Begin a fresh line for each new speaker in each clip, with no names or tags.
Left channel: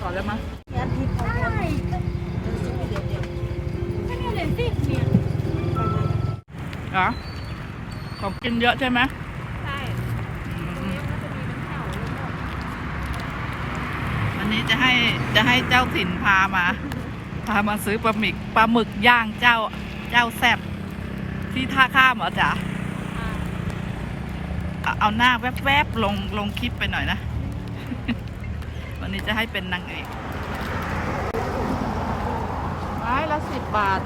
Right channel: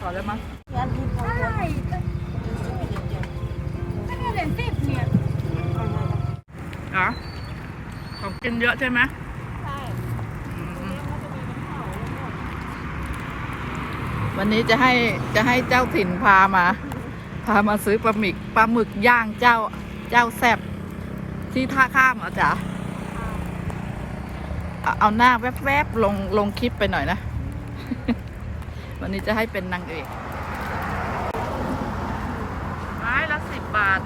ก่อนได้ไหม
งานที่เขาคนเดินซื้อไปเดียว
เหรอของกินเยอะใช่ไหม
ใช่
อืม
มันจะมีน้ำเผาเลยหมด
วันนี้จะให้เจ้าถิ่นพามาซื้อปลาหมึกย่างเจ้าแซ่บที่ท่าข้ามเหรอจ๊ะเอาหน้าแวบๆลงคลิปไปหน่อยนะ วันนี้จะให้เป็นนางเอกไม้ละ10 บาท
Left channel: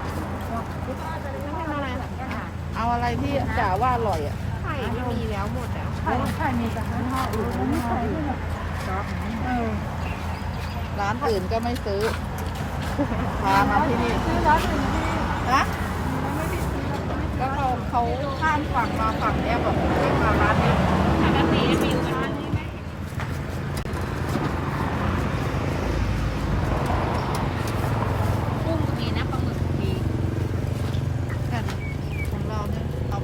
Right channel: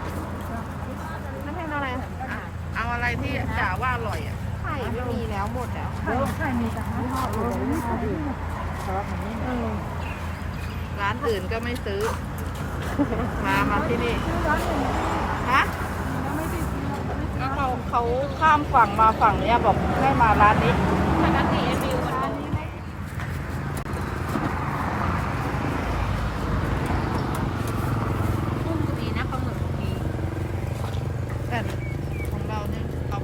เอาอะไรที่จ๋าว่าอร่อยอ่ะ
ไข่มีแล้วหมดแล้ว
ไข่มีแต่ยี่ห้ออื่นแต่ยี่ห้ออื่นครับมันไม่เหมือน
ร้านอื่นก็ไม่ซื้อ มาที่นี่
ซื้อร้านอื่นที่
นะ
แล้วไม่ได้ซื้อแล้วไม่
ก็เขาข้ามฝั่งมาฝั่งเนี้ยบอกให้มาร้านนี้
อันนี้มีร้านนี้ไหมกุ้งก็มีนะปลาหมึกมี
แต่ของเราเนี่ยเอา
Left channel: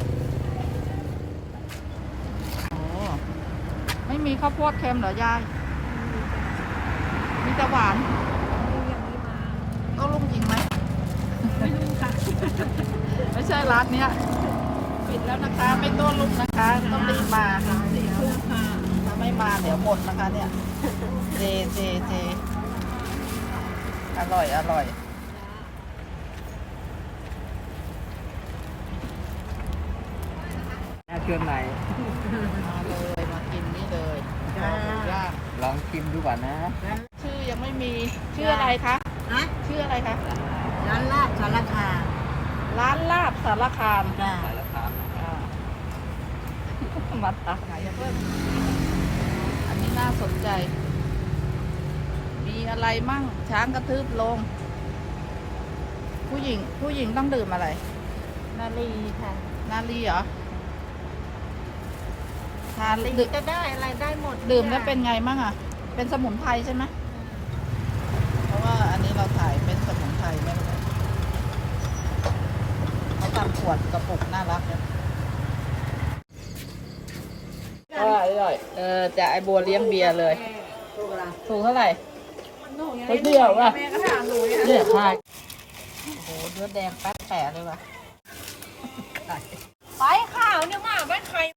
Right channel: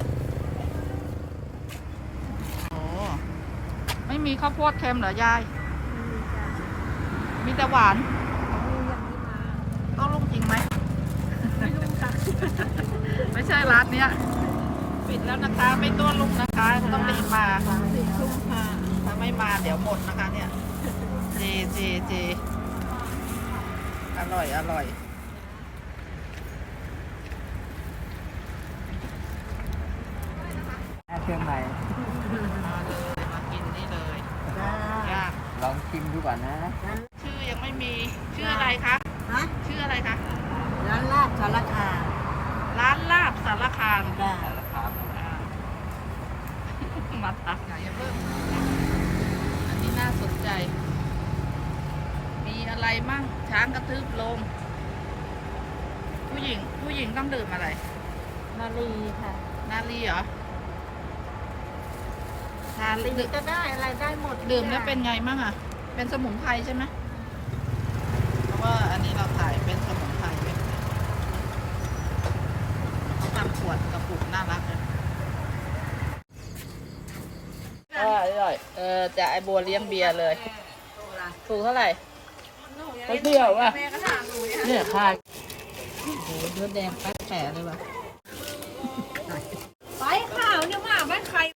โอ้ไม่มีข้าวโพดเค็มเหรอยาย มีแต่หวาน
เขามีอย่างนี้มา
ต้องลุงจริงไหม
ไม่รู้ค่ะ
ไม่ใช่ร้านเนี้ยปิดแล้วนะคะ ไม่ต้อนลุกนะคะต้องรีบมา
4 ทุ่มค่ะ
ถ้าไม่มาเดี๋ยวหมดนะคะเนี่ยเจอร่อย
เครื่องใน
มาเลยมากินนี่เลยย่าง
ลองชิมดูก่อนนะ
ชื่อยังไม่มีชื่ออะไรคะ
ฮะ
ชื่ออะไรคะ
ร้านลาบสารคาม
ร้านลาบสารคาม
จ้า
อ่า มาตักไหนอย่าเพิ่มอันนี้น่าสนใจ มีอะไรมั่งช้างกระทืบลง ผู้หญิงต้องดื่มอะไร
นาลีค่ะ
นาลีเหรอทาน
ลี
ดื่ม
ก็ได้อะไรได้หมด
ดื่มแล้วเป็นไงมั่งอ่ะ เป็นสมุนไพรใช่ไหมเพราะว่าอันนี้เราถ่ายเป็นสมุนไพรไม่เลยเขาทำขวดกระปุกน่ารักเลยจะไอโบเลี้ยงเบียร์เลยถุงเท่าไหร่
ไม่เดียวอ่ะ
เนี่ยค่ะโอ้โหเลือดแดงแป๊ดแผลเลยว่ะ